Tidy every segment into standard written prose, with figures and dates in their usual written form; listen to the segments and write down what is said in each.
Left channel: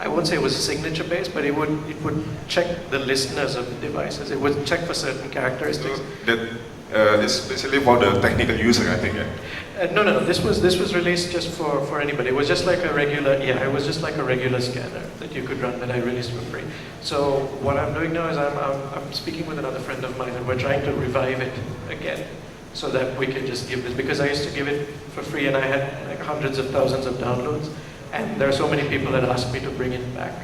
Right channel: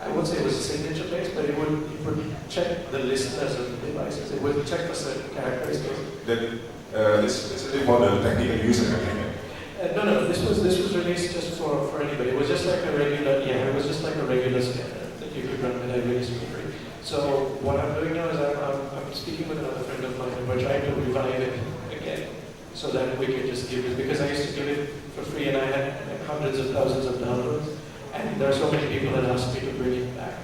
I won't say it was signature based, but it would check the listeners of the devices. It would check for certain characteristics. That especially for the technical user, I think. No. This was released just for anybody. It was just like a regular, it was just like a regular scanner that you could run that I released for free. So what I'm doing now is I'm speaking with another friend of mine, and we're trying to revive it again, so that we can just give this, because I used to give it for free, and I had like hundreds of thousands of downloads, and there are so many people that asked me to bring it back.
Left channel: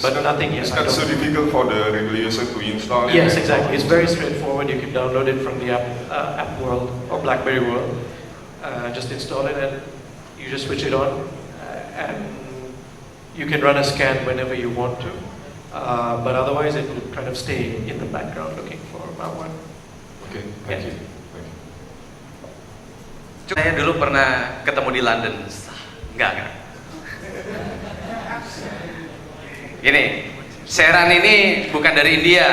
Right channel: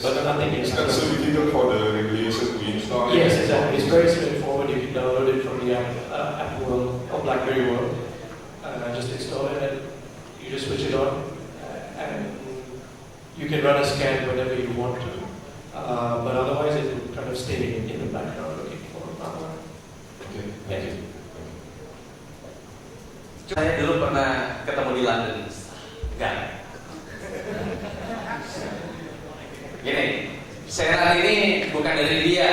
But nothing yet. It's not so difficult for the regular user to install. Yes, exactly. It's very straightforward. You can download it from the app world or BlackBerry world. Just install it and you just switch it on, and you can run a scan whenever you want to. But otherwise, it would kind of stay in the background looking for malware. Okay, thank you. Saya dulu pernah ketemu di London. Enggak. Gini, Sheran ini bukan dari India,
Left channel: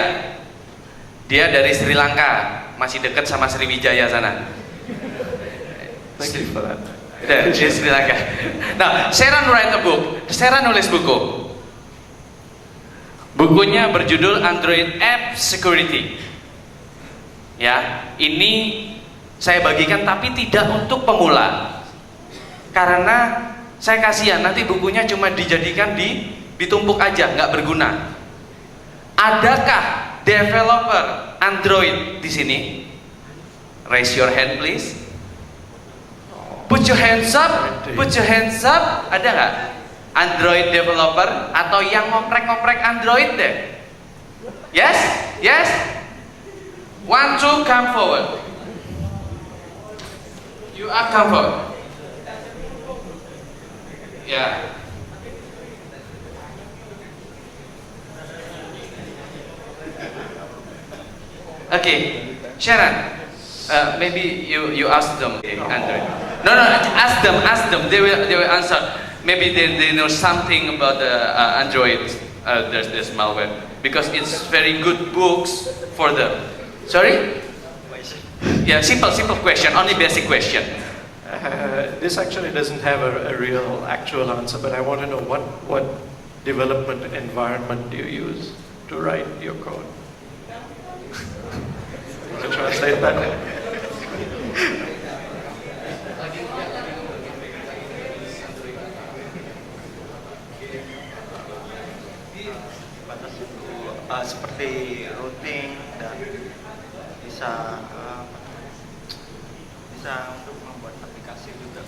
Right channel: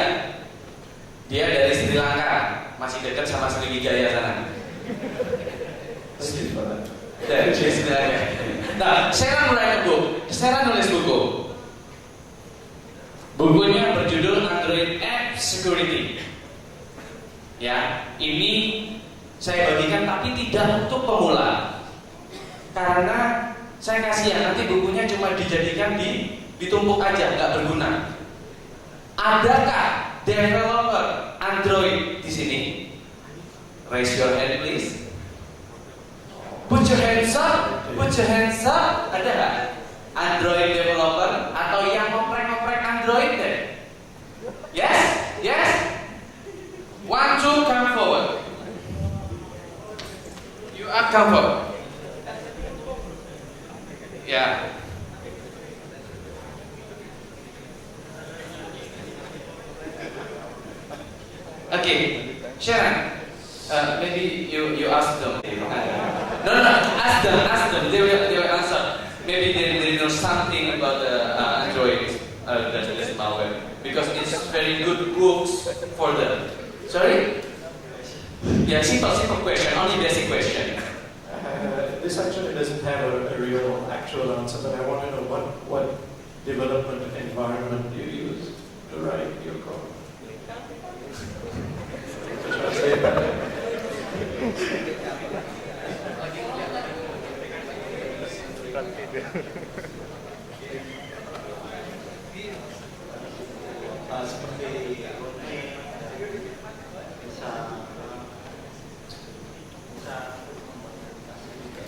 dia dari Sri Lanka, masih dekat sama Sriwijaya sana. Dari Sri Lanka. Nah, Sheran write a book. Sheran nulis buku. Bukunya berjudul Android App Security. Ya, ini saya bagikan tapi tidak untuk pemula. Karena saya kasihan nanti bukunya cuma dijadikan ditumpuk aja, nggak berguna. Adakah developer Android di sini? Raise your hand please. Put your hands up. Put your hands up. Ada nggak Android developer atau yang ngoprek-ngoprek Android deh? Yes, yes. 1, 2, come forward. You are come forward. Yeah. Okay, Sheran, maybe you ask them, Android. No, ask them. They will answer. Maybe they know something about the Android. There's malware because it's very good books for them. Sorry? Yeah, simple question, only basic question. This actually doesn't have a real actual answer, but I want to know what development environment do you use to write your code? To translate that. Seperti routing dan bisa membuat aplikasi juga.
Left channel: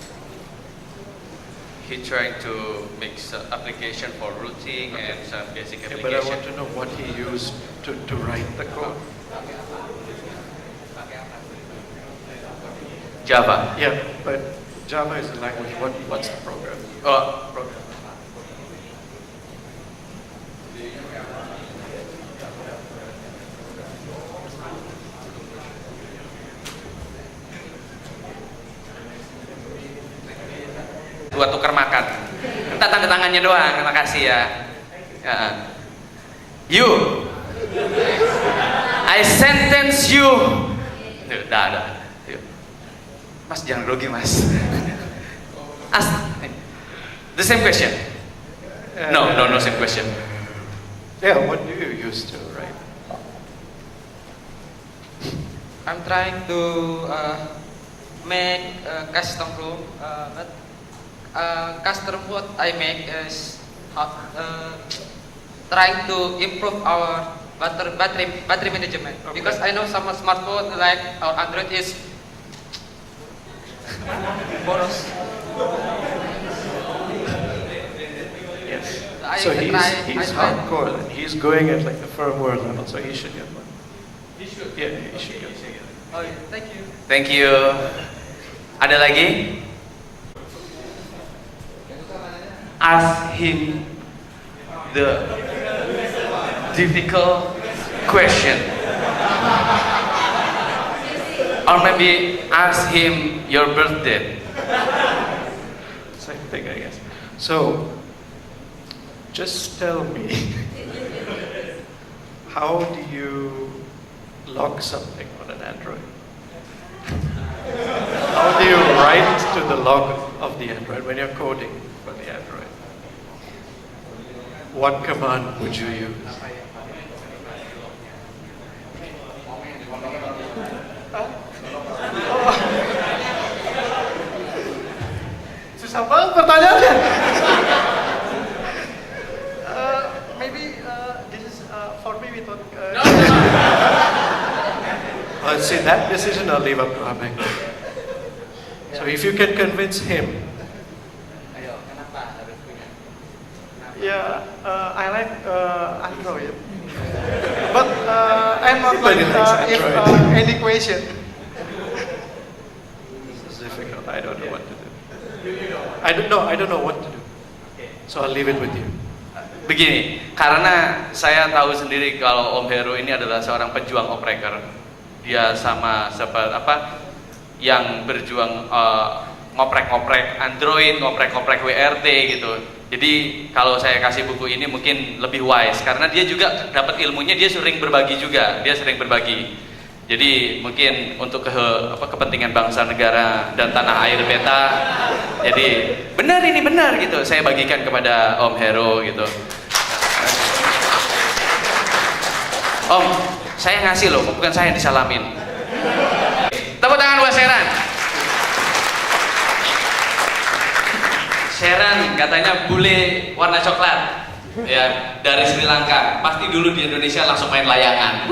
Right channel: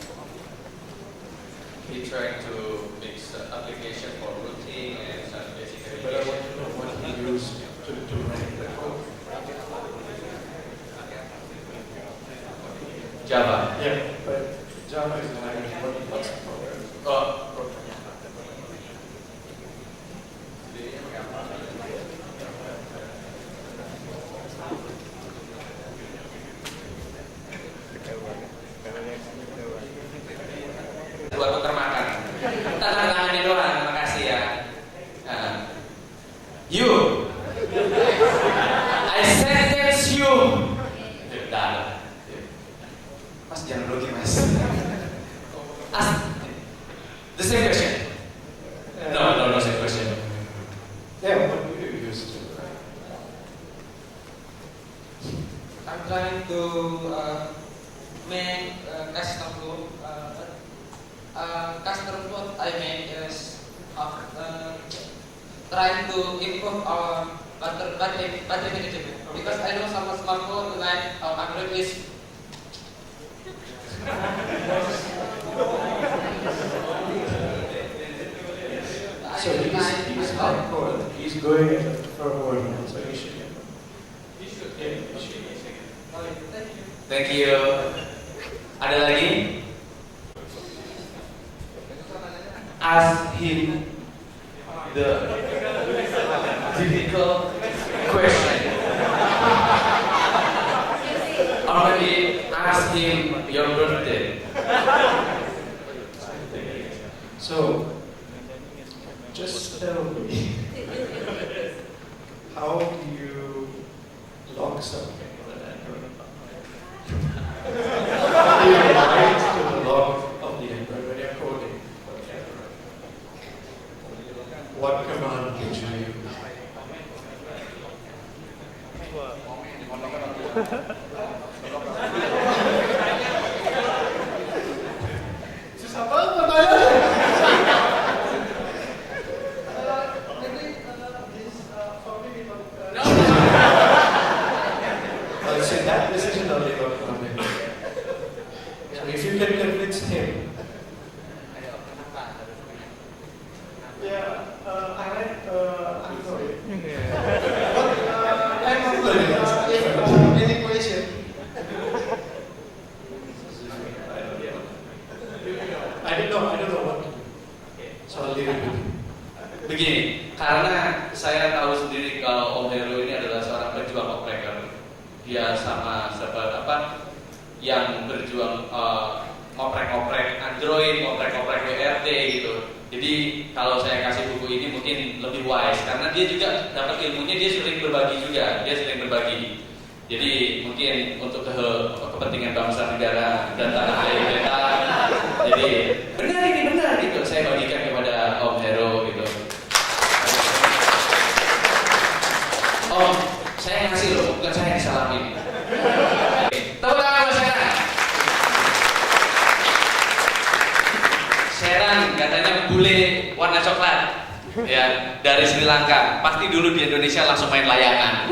He tried to make some application for routing and some basic application. But I want to know what he used to write the code. Java. Yeah, but Java is the language. What's the program? Oh, buat tuker makan. Tanda tangannya doang. Terima kasih ya. You, I sentence you. Dah. Mas jangan grogi mas. Ask the same question. No, same question. Yeah, what do you use to write? I'm trying to make custom flow. Custom what I make is trying to improve our battery management. Okay. Because I know some smartphone like our Android is So he's hardcore. He's going at like the firmware level, so he should get one. He should get one. Okay, thank you. Thank you. Ada lagi? Ask him the difficult question. Or maybe ask him your birthday. Same thing, I guess. So, just tell me, how do you log something on an Android? How do you write to the log of the Android when you're coding for the Android? what command would you use? Susah banget pertanyaannya. Maybe this is for me with what. See, that decision I'll leave up to Abhay. So if you can convince him, Yeah, I like Android. But I'm not like if any question. it's difficult. I don't know what to do. I don't know what to do. So I'll leave it with you. Begini, karena saya tahu sendiri kalau Om Heru ini adalah seorang pejuang opreker. Dia sama seperti yang berjuang ngoprek-ngoprek Android, ngoprek-ngoprek WRT gitu. Jadi kalau saya kasih buku ini mungkin lebih wise karena dia juga dapat ilmunya, dia sering berbagi juga, dia sering berbagi. Jadi mungkin untuk kepentingan bangsa negara dan tanah air beta. Jadi benar ini benar gitu. Saya bagikan kepada Om Heru gitu. Om, saya ngasih loh, bukan saya yang disalamin. Tepuk tangan buat Sheran. Sheran katanya bule warna coklat, ya dari Sri Lanka. Pasti dulu di Indonesia langsung main layangan.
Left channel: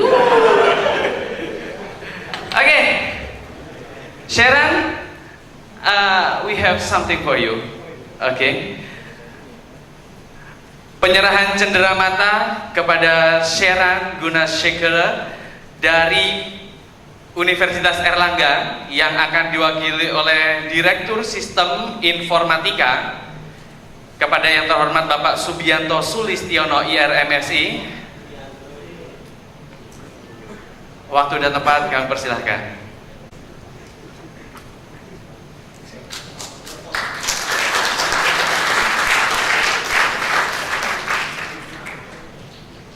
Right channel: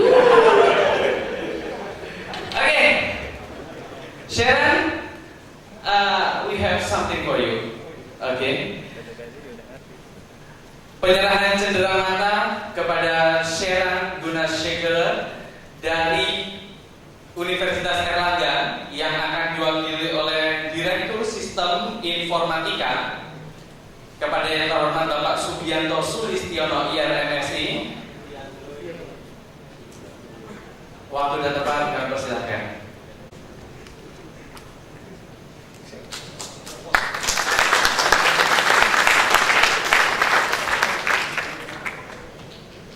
Oke, Sheran, we have something for you. Oke. Penyerahan cenderamata kepada Sheran Gunashekhar dari Universitas Erlangga yang akan diwakili oleh Direktur Sistem Informatika kepada yang terhormat Bapak Subianto Sulistiono IRMSI. Waktu dan tempat kami persilahkan.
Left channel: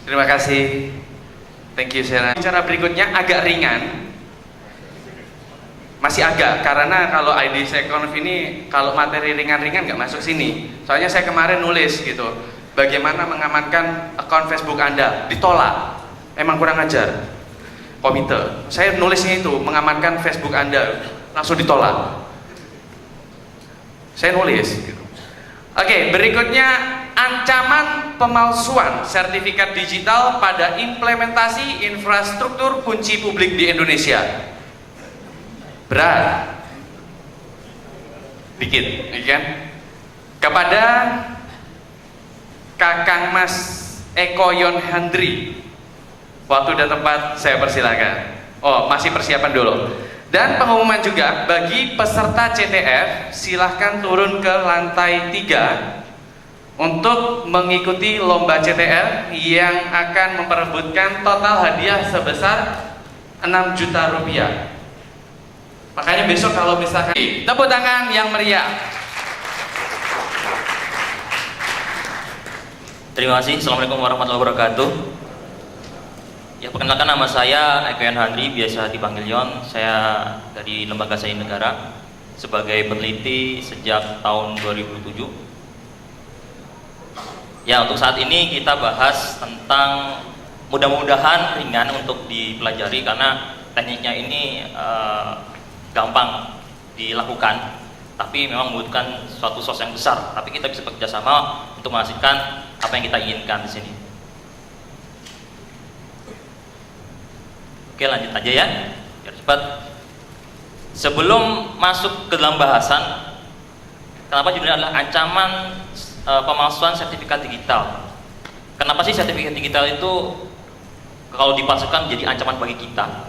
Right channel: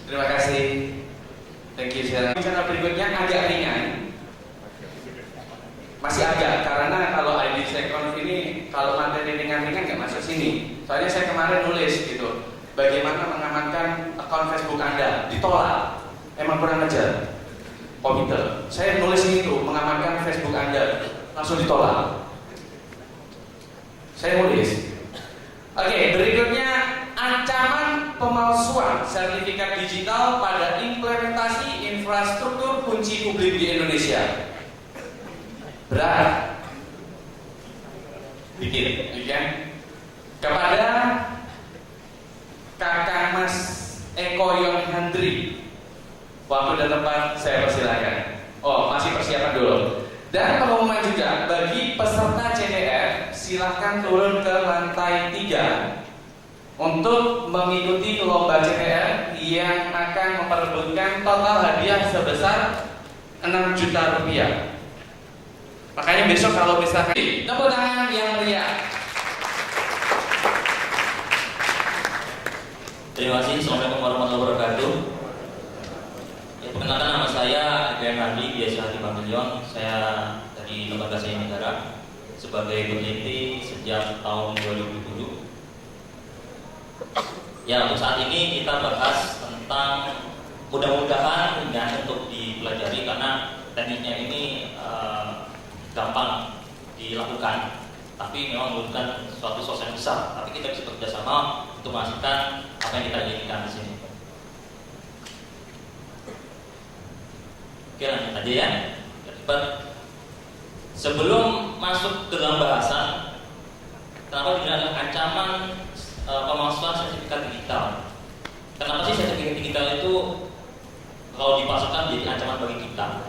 Terima kasih. Thank you, Sheran. Cara berikutnya agak ringan. Masih agak, karena kalau ID Sekonf ini kalau materi ringan-ringan nggak masuk sini. Soalnya saya kemarin nulis gitu, bagaimana mengamankan akun Facebook Anda, ditolak. Emang kurang ajar. Komite. Saya nulisnya itu mengamankan Facebook Anda, langsung ditolak. Saya nulis. Oke, berikutnya ancaman pemalsuan sertifikat digital pada implementasi infrastruktur kunci publik di Indonesia. Berat, dikit, kan? Kepada Kakang Mas Eko Yon Handri, waktu dan tempat saya persilakan. Oh, masih persiapan dulu. Dan pengumuman juga bagi peserta CTF, silahkan turun ke lantai 3 untuk mengikuti lomba CTF yang akan memperebutkan total hadiah sebesar 6 juta rupiah. Makanya besok kalau misalkan tepuk tangan yang meriah. Terima kasih. Assalamualaikum warahmatullahi wabarakatuh. Ya, perkenalkan nama saya Eko Yon Handri, biasa dipanggil Yon. Saya dari Lembaga Sains Negara sebagai peneliti sejak tahun 2007. Ya, untuk saat ini kita bahas tentang mudah-mudahan ringan untuk dipelajari karena tekniknya ini gampang dilakukan, tapi memang membutuhkan suatu sos yang besar. Tapi kita bisa bekerja sama untuk menghasilkan apa yang kita inginkan di sini. Oke, lanjut aja ya, biar cepat. Sebelum masuk ke dalam bahasan, kenapa judulnya adalah ancaman pemalsuan sertifikat digital? Kenapa sih sertifikat digital itu kalau dipalsukan jadi ancaman bagi kita?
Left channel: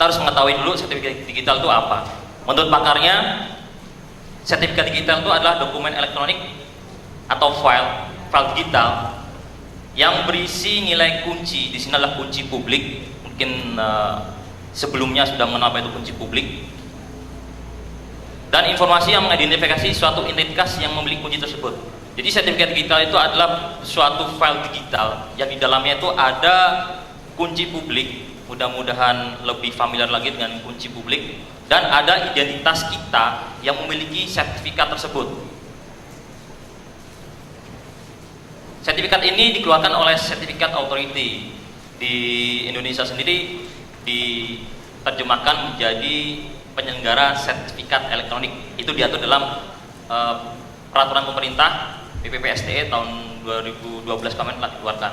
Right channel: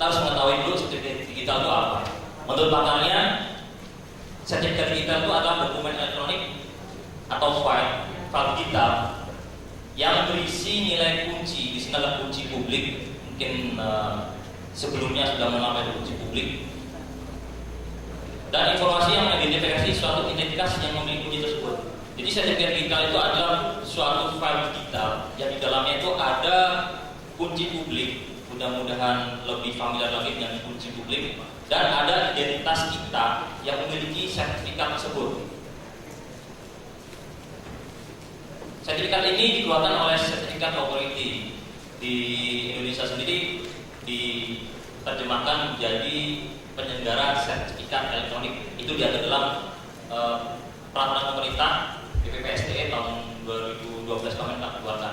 Kita harus mengetahui dulu sertifikat digital itu apa. Menurut pakarnya, sertifikat digital itu adalah dokumen elektronik atau file digital yang berisi nilai kunci. Di sini adalah kunci publik. Mungkin sebelumnya sudah mengenal apa itu kunci publik. Dan informasi yang mengidentifikasi suatu entitas yang memiliki kunci tersebut. Jadi sertifikat digital itu adalah suatu file digital yang di dalamnya itu ada kunci publik. Mudah-mudahan lebih familiar lagi dengan kunci publik. Dan ada identitas kita yang memiliki sertifikat tersebut. Sertifikat ini dikeluarkan oleh Certificate Authority. Di Indonesia sendiri diterjemahkan menjadi penyelenggara sertifikat elektronik. Itu diatur dalam peraturan pemerintah BPPSDE tahun 2012 kemarin telah dikeluarkan.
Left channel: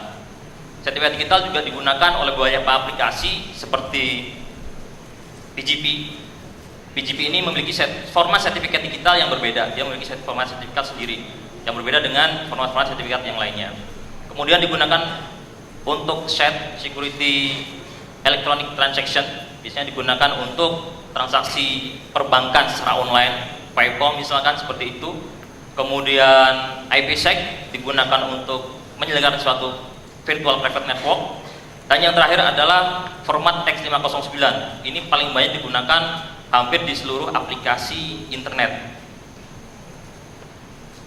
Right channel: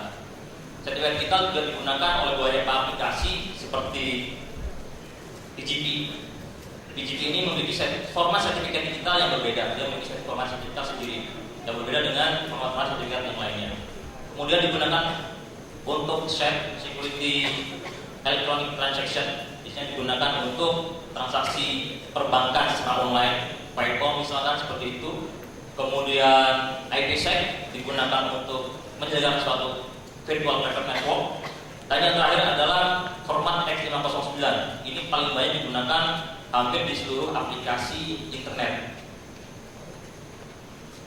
Sertifikat digital juga digunakan oleh beberapa aplikasi seperti PGP. PGP ini memiliki format sertifikat digital yang berbeda. Dia memiliki format sertifikat sendiri yang berbeda dengan format sertifikat yang lainnya. Kemudian digunakan untuk security electronic transaction, biasanya digunakan untuk transaksi perbankan secara online, PayPal misalkan seperti itu. Kemudian IPsec digunakan untuk menyelenggarakan suatu virtual private network. Dan yang terakhir adalah format X509. Ini paling banyak digunakan hampir di seluruh aplikasi internet.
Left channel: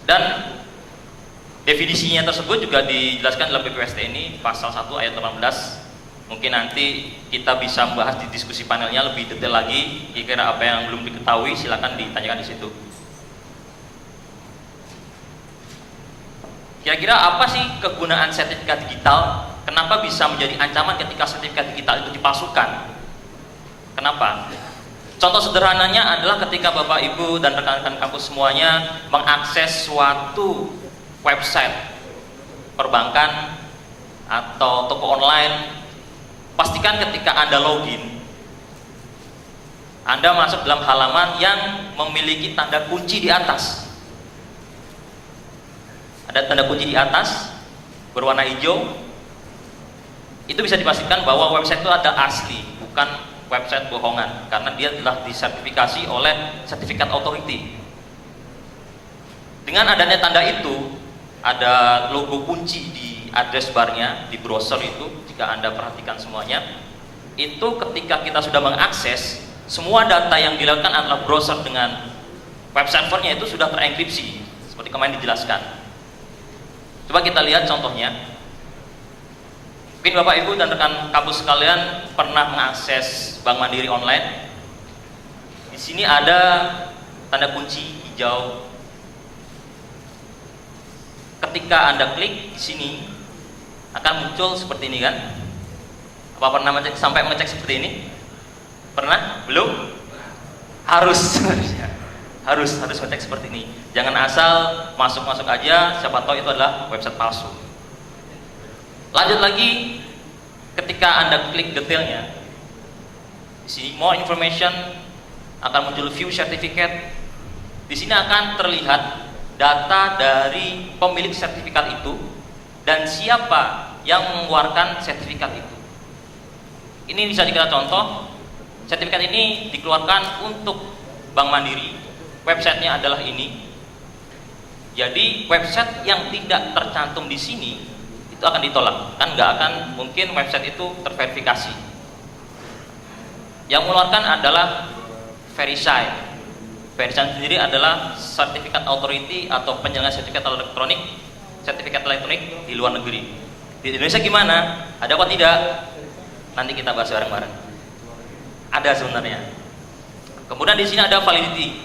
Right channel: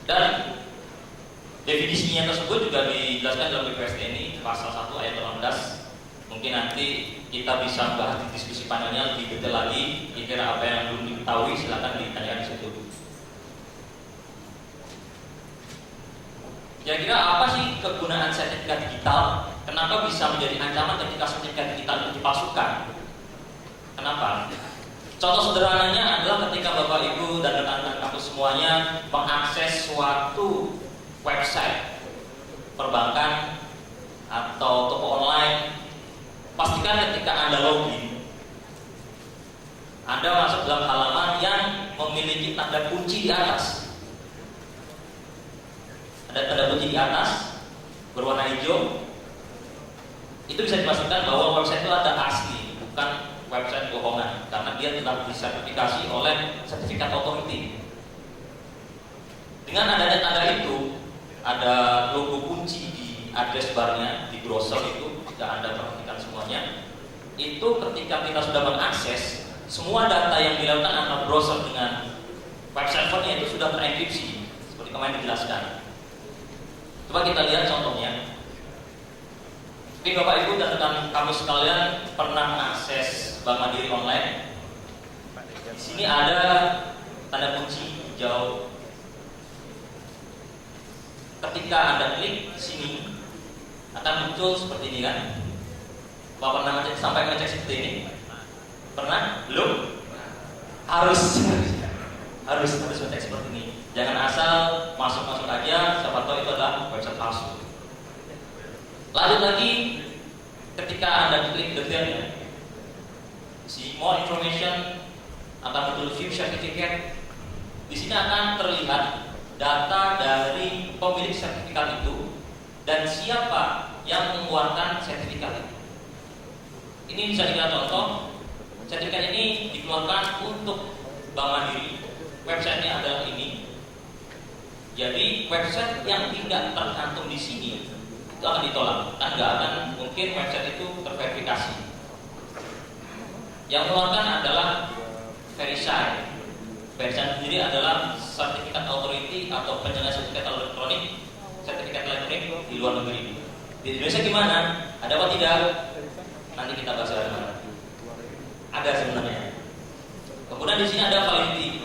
Dan definisinya tersebut juga dijelaskan dalam BPPSDE ini pasal 1 ayat 18. Mungkin nanti kita bisa membahas di diskusi panelnya lebih detail lagi. Kira-kira apa yang belum diketahui silakan ditanyakan di situ. Kira-kira apa sih kegunaan sertifikat digital? Kenapa bisa menjadi ancaman ketika sertifikat digital itu dipalsukan? Kenapa? Contoh sederhananya adalah ketika Bapak Ibu dan rekan-rekan kampus semuanya mengakses suatu website perbankan atau toko online, pastikan ketika Anda login, Anda masuk dalam halaman yang memiliki tanda kunci di atas. Ada tanda kunci di atas berwarna hijau. Itu bisa dipastikan bahwa website itu ada asli, bukan website bohongan, karena dia telah disertifikasi oleh Certificate Authority. Dengan adanya tanda itu, ada logo kunci di address barnya di browser itu, jika Anda perhatikan semuanya, itu ketika kita sudah mengakses, semua data yang dilakukan adalah browser dengan web servernya itu sudah terenkripsi, seperti kemarin dijelaskan. Coba kita lihat contohnya. Mungkin Bapak Ibu dan rekan kampus sekalian pernah mengakses Bank Mandiri online. Di sini ada tanda kunci hijau. Ketika Anda klik di sini akan muncul seperti ini kan? Apa pernah sampai mengecek seperti ini? Pernah? Belum? Harus harus ngecek seperti ini. Jangan asal masuk aja, siapa tahu itu adalah website palsu. Lanjut lagi, ketika Anda klik detailnya, di sini more information akan muncul view certificate. Di sini akan terlihat data dari pemilik sertifikat itu dan siapa yang mengeluarkan sertifikat itu. Ini bisa kita contoh. Sertifikat ini dikeluarkan untuk Bank Mandiri. Websitenya adalah ini. Jadi website yang tidak tercantum di sini itu akan ditolak, kan nggak akan mungkin website itu terverifikasi. Yang mengeluarkan adalah Verisign. Verisign sendiri adalah Certificate Authority atau penyelenggara sertifikat elektronik di luar negeri. Di Indonesia gimana? Ada apa tidak? Nanti kita bahas bareng-bareng. Ada sebenarnya. Kemudian di sini ada validity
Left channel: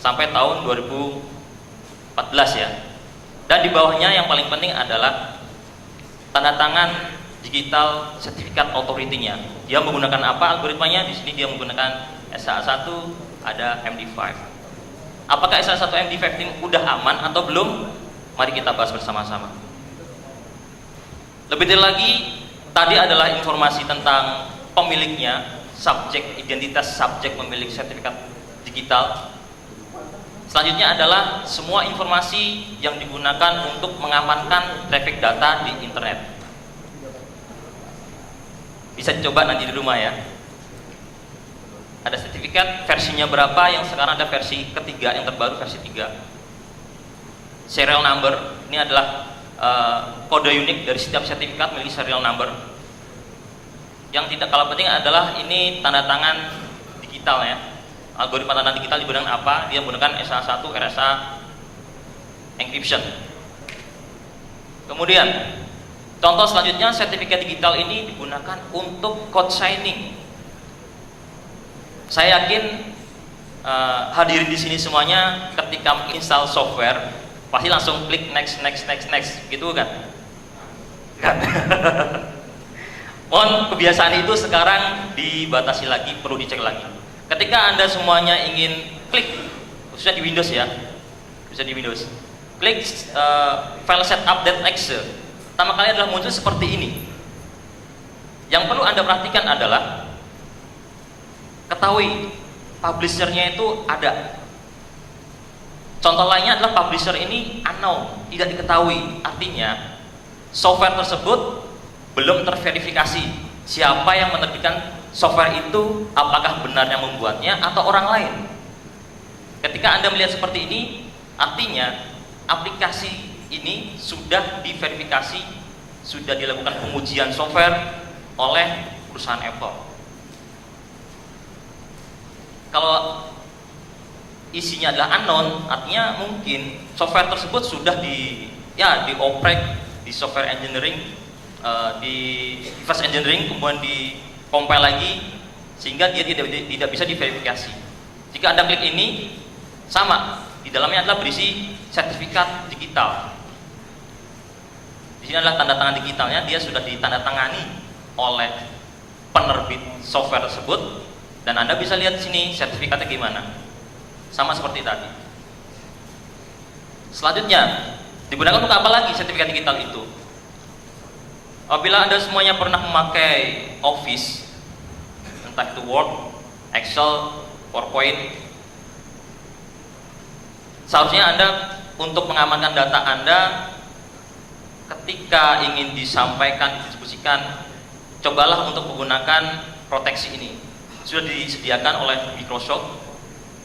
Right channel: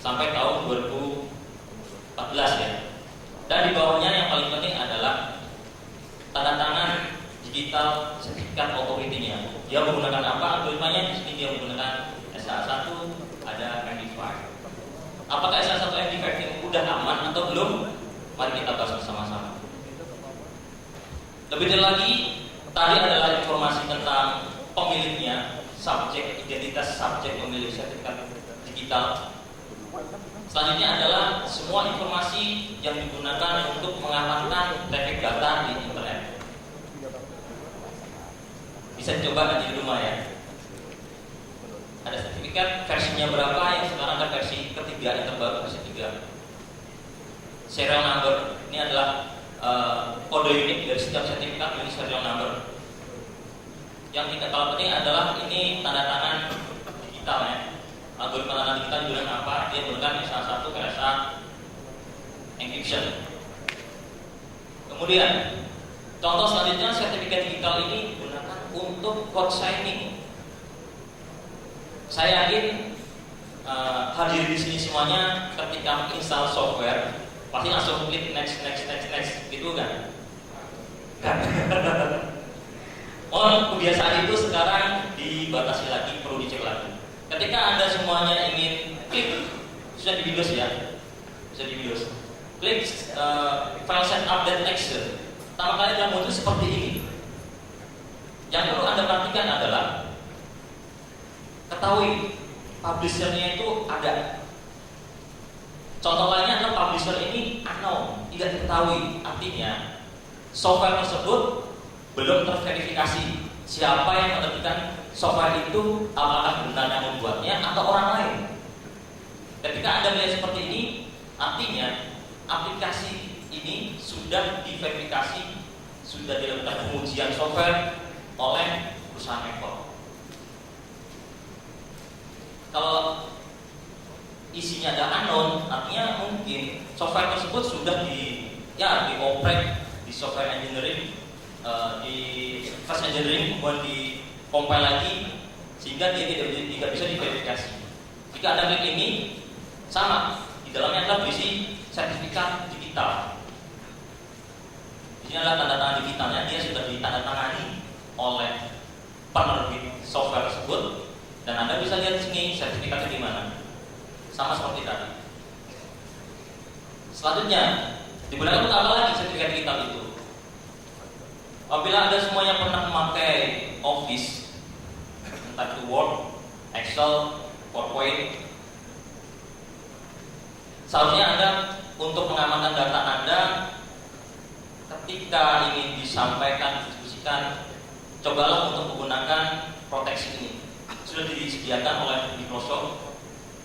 sampai tahun 2014 ya. Dan di bawahnya yang paling penting adalah tanda tangan digital sertifikat authority-nya. Dia menggunakan apa algoritmanya? Di sini dia menggunakan SH1, ada MD5. Apakah SH1 MD5 ini udah aman atau belum? Mari kita bahas bersama-sama. Lebih detail lagi, tadi adalah informasi tentang pemiliknya, subjek, identitas subjek pemilik sertifikat digital. Selanjutnya adalah semua informasi yang digunakan untuk mengamankan traffic data di internet. Bisa dicoba nanti di rumah ya. Ada sertifikat versinya berapa, yang sekarang ada versi ketiga, yang terbaru versi 3. Serial number, ini adalah kode unik dari setiap sertifikat memiliki serial number. Yang tidak kalah penting adalah ini tanda tangan digital ya. Algoritma tanda digital digunakan apa? Dia menggunakan SH1 RSA encryption. Kemudian contoh selanjutnya, sertifikat digital ini digunakan untuk code signing. Saya yakin hadirin di sini semuanya ketika menginstal software pasti langsung klik next gitu kan? Kan? Mohon kebiasaan itu sekarang dibatasi lagi, perlu dicek lagi. Ketika Anda semuanya ingin klik, khususnya di Windows ya, bisa di Windows, klik file set update next. Pertama kali adalah muncul seperti ini. Yang perlu Anda perhatikan adalah ketahui publishernya itu ada. Contoh lainnya adalah publisher ini unknown, tidak diketahui. Artinya software tersebut belum terverifikasi siapa yang menerbitkan software itu, apakah benar yang membuatnya atau orang lain. Ketika Anda melihat seperti ini, artinya aplikasi ini sudah diverifikasi, sudah dilakukan pengujian software oleh perusahaan Apple. Kalau isinya adalah unknown, artinya mungkin software tersebut sudah dioprek di software engineering, di reverse engineering, kemudian di compile lagi sehingga dia tidak bisa diverifikasi. Jika Anda klik ini, sama, di dalamnya adalah berisi sertifikat digital. Di sini adalah tanda tangan digitalnya, dia sudah ditandatangani oleh penerbit software tersebut, dan Anda bisa lihat di sini sertifikatnya gimana. Sama seperti tadi. Selanjutnya, digunakan untuk apa lagi sertifikat digital itu? Apabila Anda semuanya pernah memakai Office, entah itu Word, Excel, PowerPoint, seharusnya Anda untuk mengamankan data Anda ketika ingin disampaikan, didiskusikan, cobalah untuk menggunakan proteksi ini. Sudah disediakan oleh Microsoft.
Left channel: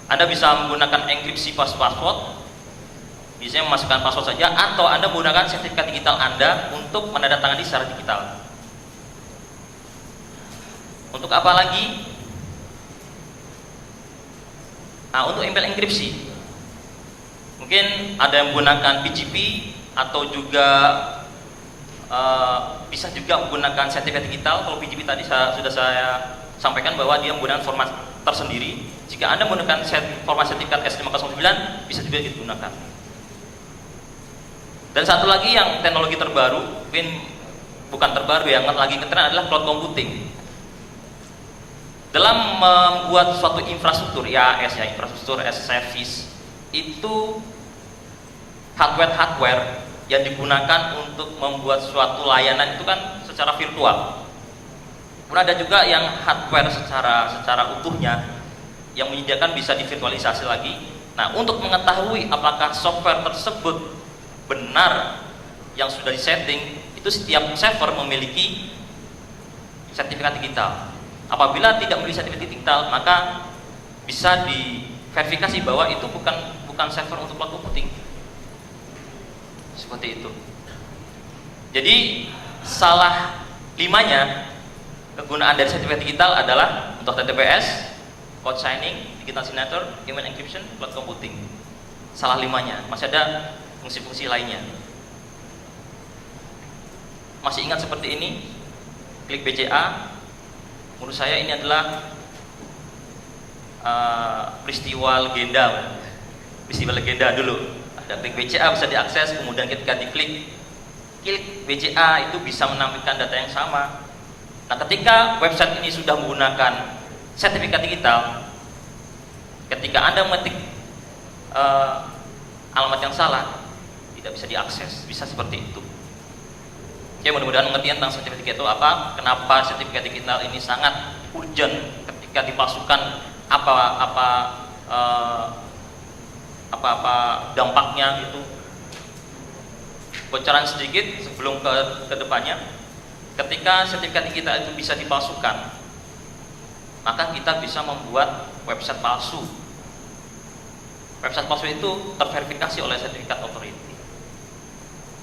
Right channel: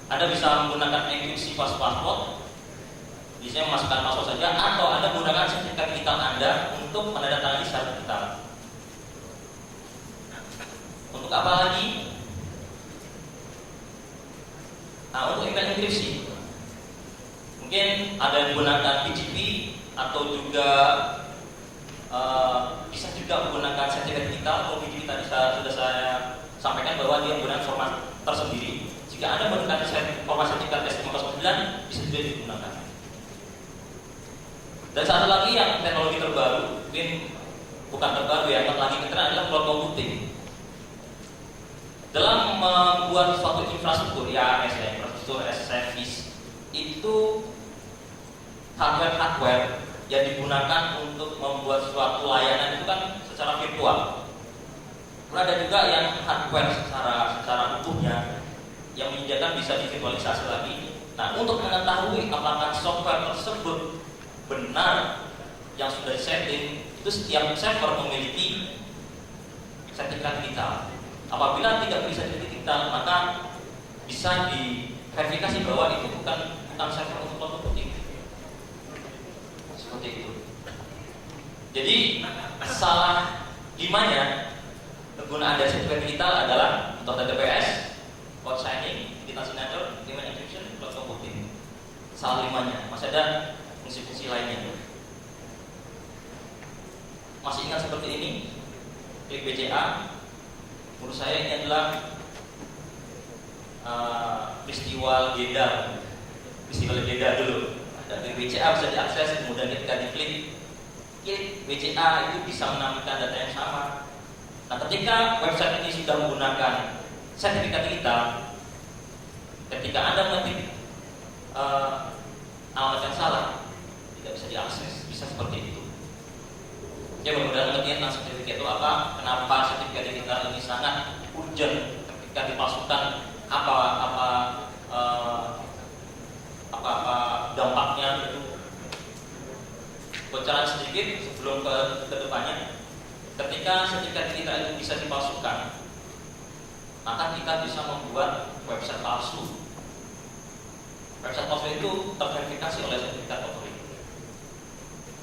Anda bisa menggunakan enkripsi password, biasanya memasukkan password saja, atau Anda menggunakan sertifikat digital Anda untuk menandatangani secara digital. Untuk apa lagi? Nah, untuk email enkripsi, mungkin ada yang menggunakan PGP atau juga bisa juga menggunakan sertifikat digital. Kalau PGP tadi sudah saya sampaikan bahwa dia menggunakan format tersendiri. Jika Anda menggunakan format sertifikat S509, bisa juga digunakan. Dan satu lagi yang teknologi terbaru, mungkin bukan terbaru ya, yang lagi ngetren adalah cloud computing. Dalam membuat suatu infrastruktur, infrastruktur as service, itu hardware yang digunakan untuk membuat suatu layanan itu kan secara virtual. Kemudian ada juga yang hardware secara utuhnya yang menyediakan bisa divirtualisasi lagi. Nah, untuk mengetahui apakah software tersebut benar yang sudah disetting, itu setiap server memiliki sertifikat digital. Apabila tidak memiliki sertifikat digital, maka bisa diverifikasi bahwa itu bukan server untuk cloud computing. Seperti itu. Jadi salah limanya kegunaan dari sertifikat digital adalah untuk TTPS, code signing, digital signature, email encryption, cloud computing. Salah limanya. Masih ada fungsi-fungsi lainnya. Masih ingat seperti ini? Klik BCA. Menurut saya ini adalah peristiwa legenda. Peristiwa legenda dulu. Ada klik BCA bisa diakses, kemudian ketika diklik BCA itu bisa menampilkan data yang sama. Nah, ketika website ini sudah menggunakan sertifikat digital, ketika Anda mengetik alamat yang salah, tidak bisa diakses, bisa seperti itu. Ya, mudah-mudahan mengerti tentang sertifikat itu apa, kenapa sertifikat digital ini sangat urgent ketika dipalsukan, apa dampaknya gitu. Bocoran sedikit sebelum ke depannya. Ketika sertifikat digital itu bisa dipalsukan, maka kita bisa membuat website palsu. Website palsu itu terverifikasi oleh sertifikat authority.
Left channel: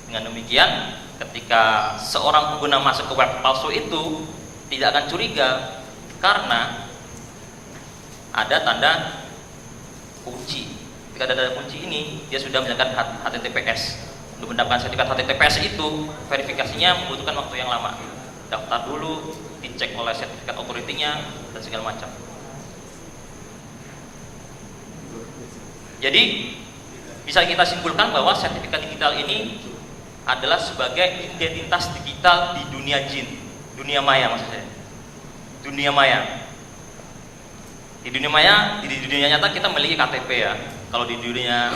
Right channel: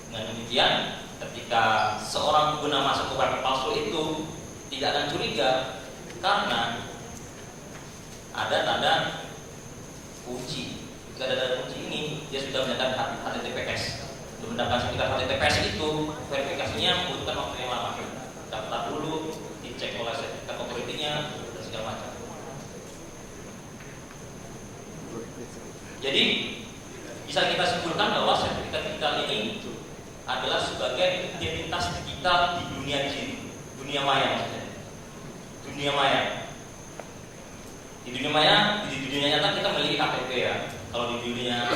Dengan demikian, ketika seorang pengguna masuk ke web palsu itu tidak akan curiga karena ada tanda kunci. Ketika ada tanda kunci ini, dia sudah menggunakan HTTPS. Untuk mendapatkan sertifikat HTTPS itu, verifikasinya membutuhkan waktu yang lama. Daftar dulu, dicek oleh sertifikat authority-nya, dan segala macam. Jadi, bisa kita simpulkan bahwa sertifikat digital ini adalah sebagai identitas digital di dunia jin, dunia maya maksudnya. Dunia maya. Di dunia maya, di dunia nyata kita memiliki KTP ya. Kalau di dunia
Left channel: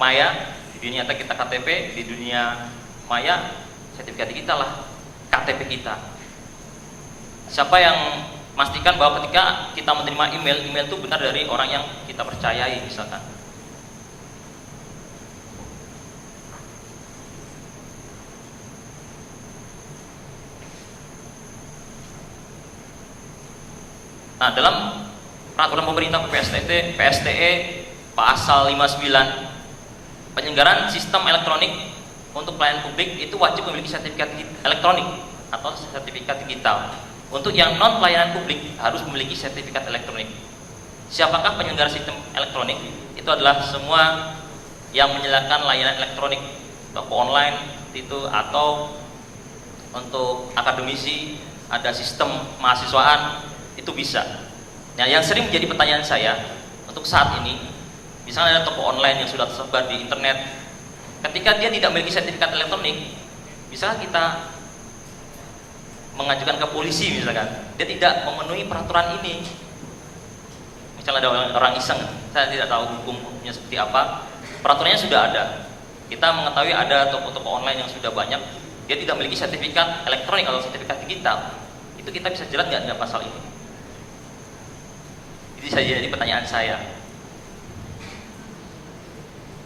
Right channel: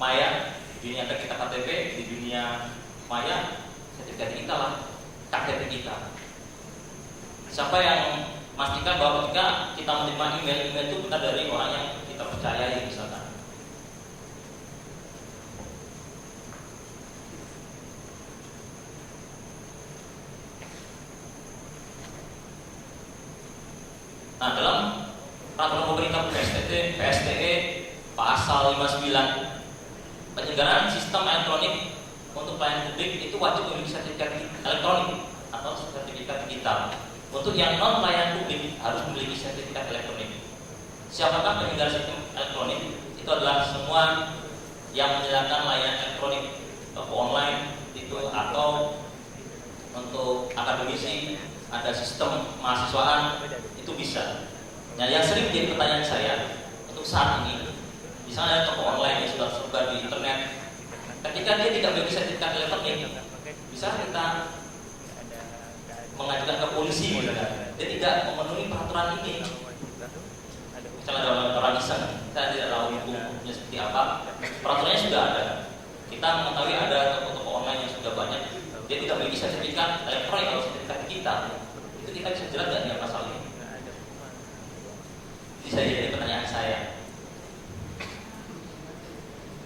maya, di dunia nyata kita KTP, di dunia maya sertifikat digital lah KTP kita. Siapa yang memastikan bahwa ketika kita menerima email itu benar dari orang yang kita percayai misalkan. Nah, dalam peraturan pemerintah PSTE pasal 59, penyelenggaraan sistem elektronik untuk pelayanan publik itu wajib memiliki sertifikat elektronik atau sertifikat digital. Untuk yang non pelayanan publik harus memiliki sertifikat elektronik. Siapakah penyelenggara sistem elektronik? Itu adalah semua yang menyediakan layanan elektronik, toko online itu, atau untuk akademisi ada sistem mahasiswaan, itu bisa. Nah, yang sering menjadi pertanyaan saya untuk saat ini, misalnya ada toko online yang sudah tersebar di internet, ketika dia tidak memiliki sertifikat elektronik, bisa kita mengajukan ke polisi misalkan, dia tidak memenuhi peraturan ini. Misalnya ada orang iseng, saya tidak tahu hukumnya seperti apa, peraturannya sudah ada. Kita mengetahui ada toko-toko online yang sudah banyak, dia tidak memiliki sertifikat elektronik atau sertifikat digital, itu kita bisa jerat nggak dengan pasal ini? Itu saja jadi pertanyaan saya.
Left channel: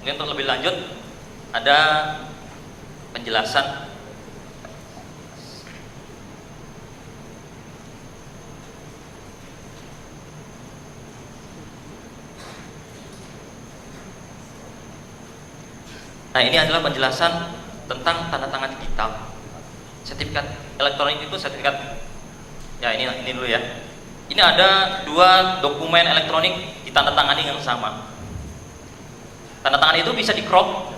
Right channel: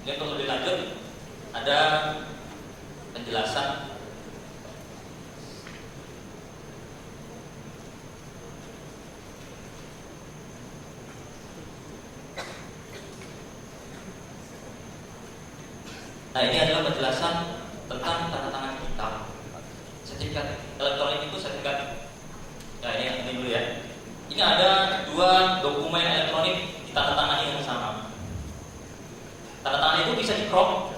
Ini untuk lebih lanjut ada penjelasan. Nah, ini adalah penjelasan tentang tanda tangan digital. Sertifikat elektronik itu sertifikat, ya ini dulu ya. Ini ada dua dokumen elektronik ditandatangani yang sama. Tanda tangan itu bisa di-crop,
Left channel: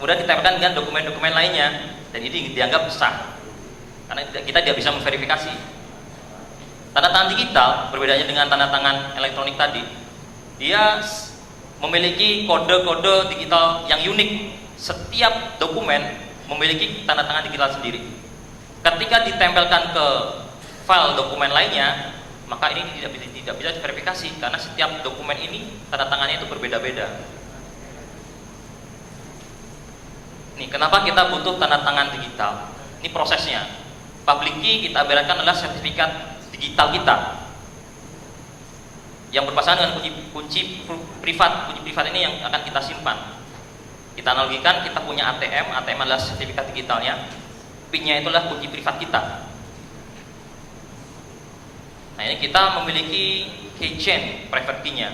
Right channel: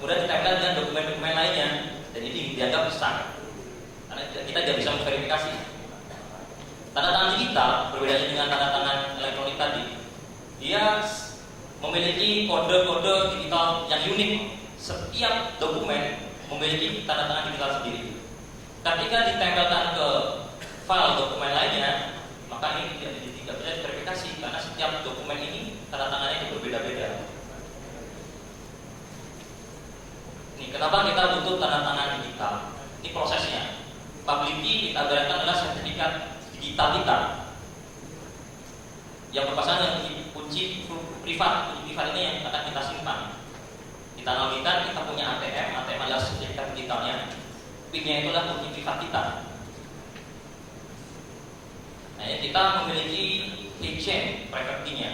kemudian ditempelkan dengan dokumen-dokumen lainnya, dan ini dianggap sah karena kita tidak bisa memverifikasi. Tanda tangan digital berbedanya dengan tanda tangan elektronik tadi, dia memiliki kode-kode digital yang unik. Setiap dokumen memiliki tanda tangan digital sendiri. Ketika ditempelkan ke file dokumen lainnya, maka ini tidak bisa diverifikasi karena setiap dokumen ini tanda tangannya itu berbeda-beda. Nih, kenapa kita butuh tanda tangan digital? Ini prosesnya. Public key kita ibaratkan adalah sertifikat digital kita yang berpasangan dengan kunci privat. Kunci privat ini yang akan kita simpan. Kita analogikan, kita punya ATM adalah sertifikat digitalnya, PIN-nya itulah kunci privat kita. Nah, ini kita memiliki keychain private key-nya.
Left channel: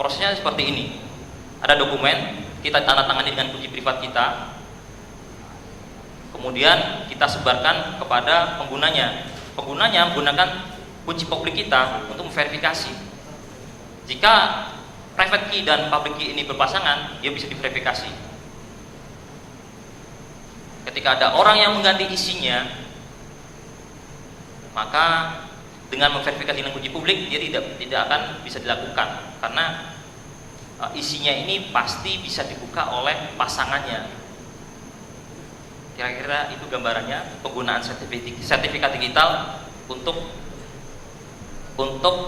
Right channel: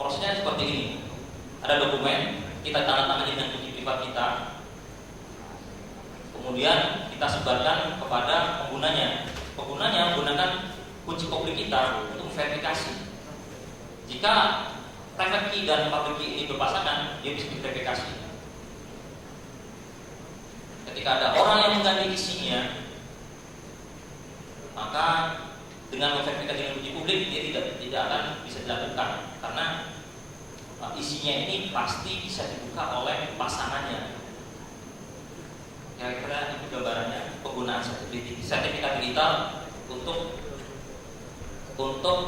Prosesnya seperti ini. Ada dokumen, kita tanda tangan dengan kunci privat kita, kemudian kita sebarkan kepada penggunanya. Penggunanya menggunakan kunci publik kita untuk memverifikasi. Jika private key dan public key ini berpasangan, dia bisa diverifikasi. Ketika ada orang yang mengganti isinya, maka dengan memverifikasi dengan kunci publik, dia tidak akan bisa dilakukan karena isinya ini pasti bisa dibuka oleh pasangannya. Kira-kira itu gambarannya penggunaan sertifikat digital untuk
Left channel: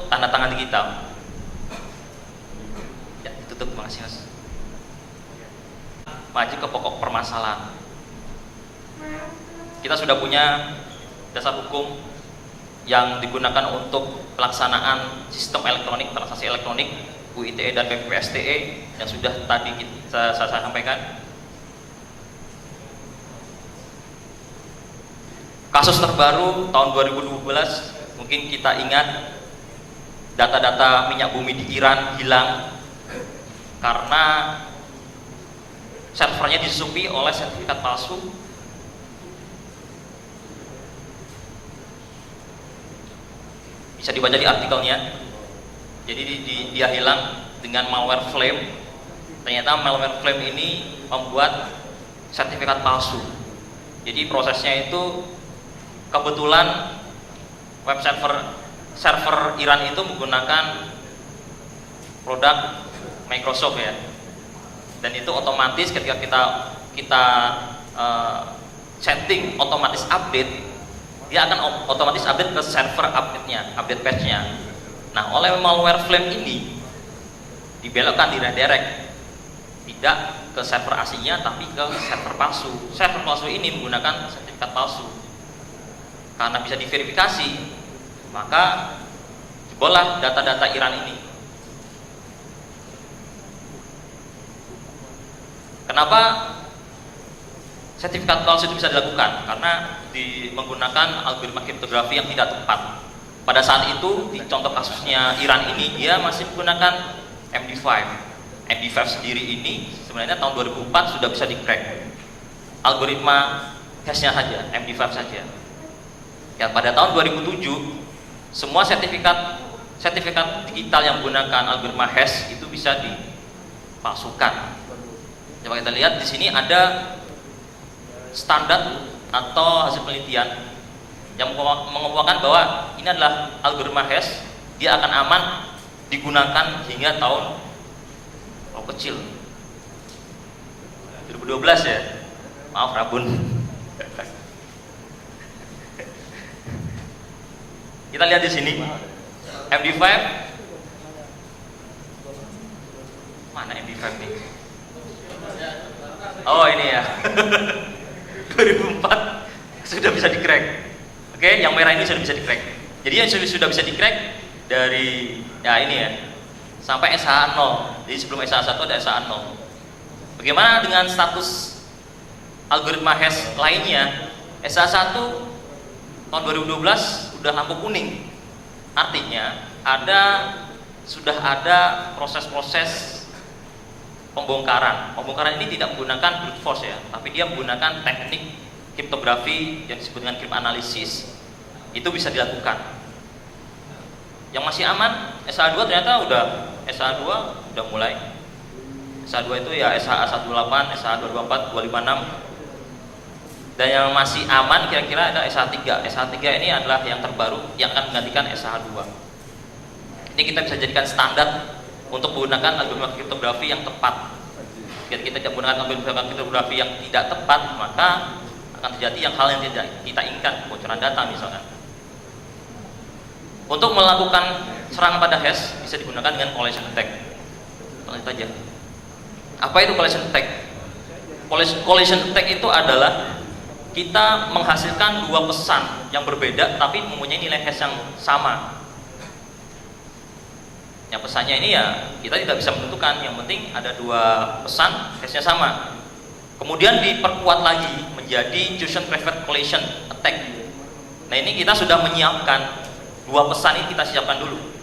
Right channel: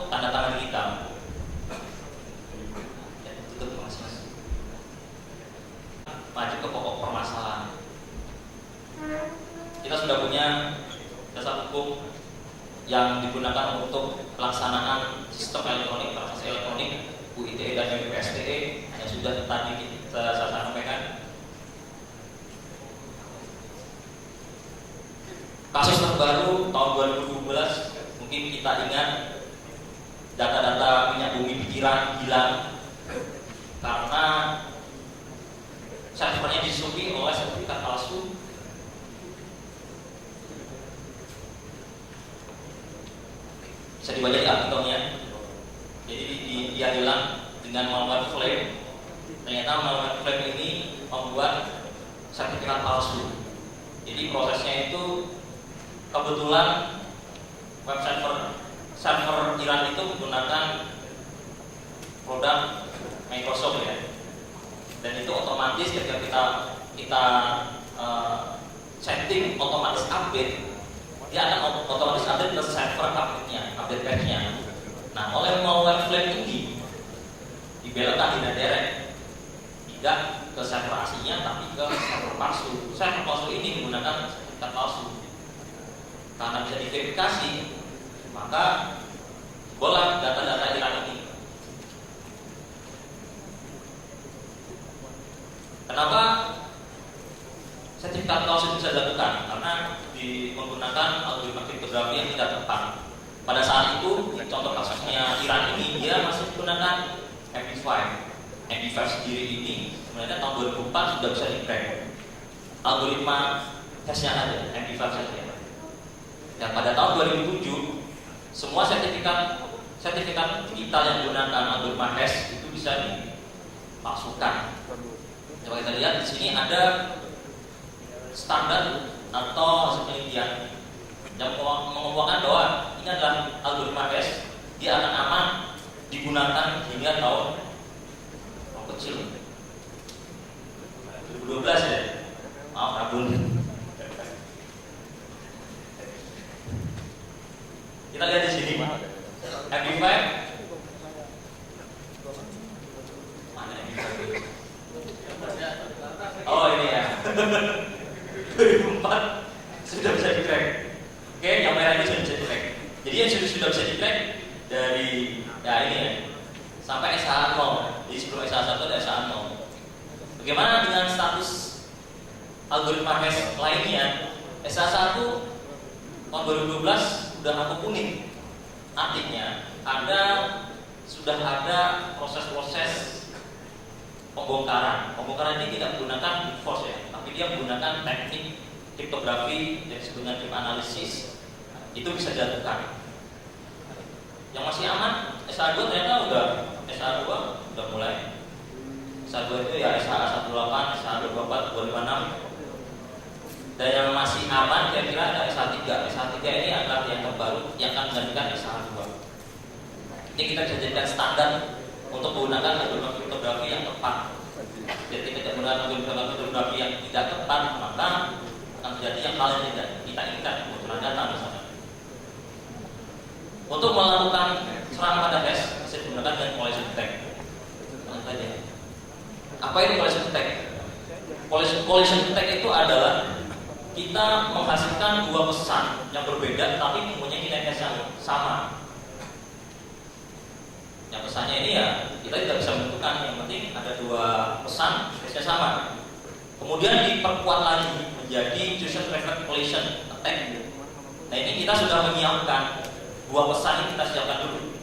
tanda tangan digital. Ya, tutup, makasih Mas. Maju ke pokok permasalahan. Kita sudah punya dasar hukum yang digunakan untuk pelaksanaan sistem elektronik, transaksi elektronik, UITE dan PSTE yang sudah tadi saya sampaikan. Kasus terbaru tahun 2012, mungkin kita ingat data-data minyak bumi di Iran hilang karena servernya disusupi oleh sertifikat palsu. Bisa dibaca di artikelnya. Jadi dia hilang dengan malware flame. Ternyata malware flame ini membuat sertifikat palsu. Jadi prosesnya itu kebetulan web server Iran itu menggunakan produk Microsoft ya. Dan itu otomatis ketika kita setting otomatis update, dia akan otomatis update ke server update-nya, update patch-nya. Nah, oleh malware Flame ini dibelokkan, diredirect, tidak ke server aslinya tapi ke server palsu. Server palsu ini menggunakan sertifikat palsu. Karena bisa diverifikasi, maka bola data-data Iran ini. Kenapa sertifikat palsu itu bisa dilakukan? Karena menggunakan algoritma kriptografi yang tidak tepat. Pada saat itu, di contoh kasusnya Iran ini, dia masih menggunakan MD5. MD5 sendiri ini sebenarnya tahun 2004 sudah bisa di-crack. Algoritma hash-nya saja, MD5 saja. Ya, pada tahun 2007, semua sertifikat digital yang menggunakan algoritma hash itu bisa dipalsukan. Coba kita lihat di sini ada standar atau hasil penelitian yang mengemukakan bahwa ini adalah algoritma hash, dia akan aman digunakan hingga tahun kecil 2012 ya. Maaf Rabun. Kita lihat di sini MD5. Mana MD5 ini? Oh ini ya. 2004 sudah bisa di-crack. Oke, yang merah ini sudah bisa di-crack. Jadi yang sudah bisa di-crack dari ya ini ya sampai SH0. Jadi sebelum SH1 ada SH0. Bagaimana dengan status algoritma hash lainnya? SH1 tahun 2012 sudah lampu kuning. Artinya sudah ada proses-proses pembongkaran. Pembongkaran ini tidak menggunakan brute force ya, tapi dia menggunakan teknik kriptografi yang disebut dengan cryptanalysis. Itu bisa dilakukan. Yang masih aman SH2 ternyata SH2 udah mulai. SH2 itu ya SH18, SH224, 256. Dan yang masih aman kira-kira ada SH3. SH3 ini adalah yang terbaru yang akan menggantikan SH2. Ini kita bisa jadikan standar untuk menggunakan algoritma kriptografi yang tepat. Jika kita tidak menggunakan algoritma kriptografi yang tidak tepat, maka akan terjadi hal yang tidak kita inginkan, kebocoran data misalnya. Untuk melakukan serangan pada hash bisa digunakan dengan collision attack. Lanjut aja. Apa itu collision attack? Collision attack itu adalah kita menghasilkan dua pesan yang berbeda tapi mempunyai nilai hash yang sama. Yang pesannya ini ya kita tidak bisa menentukan, yang penting ada dua pesan hashnya sama. Kemudian diperkuat lagi menjadi Intrusion Private Collision Attack. Nah ini kita sudah menyiapkan dua pesan ini, kita siapkan dulu.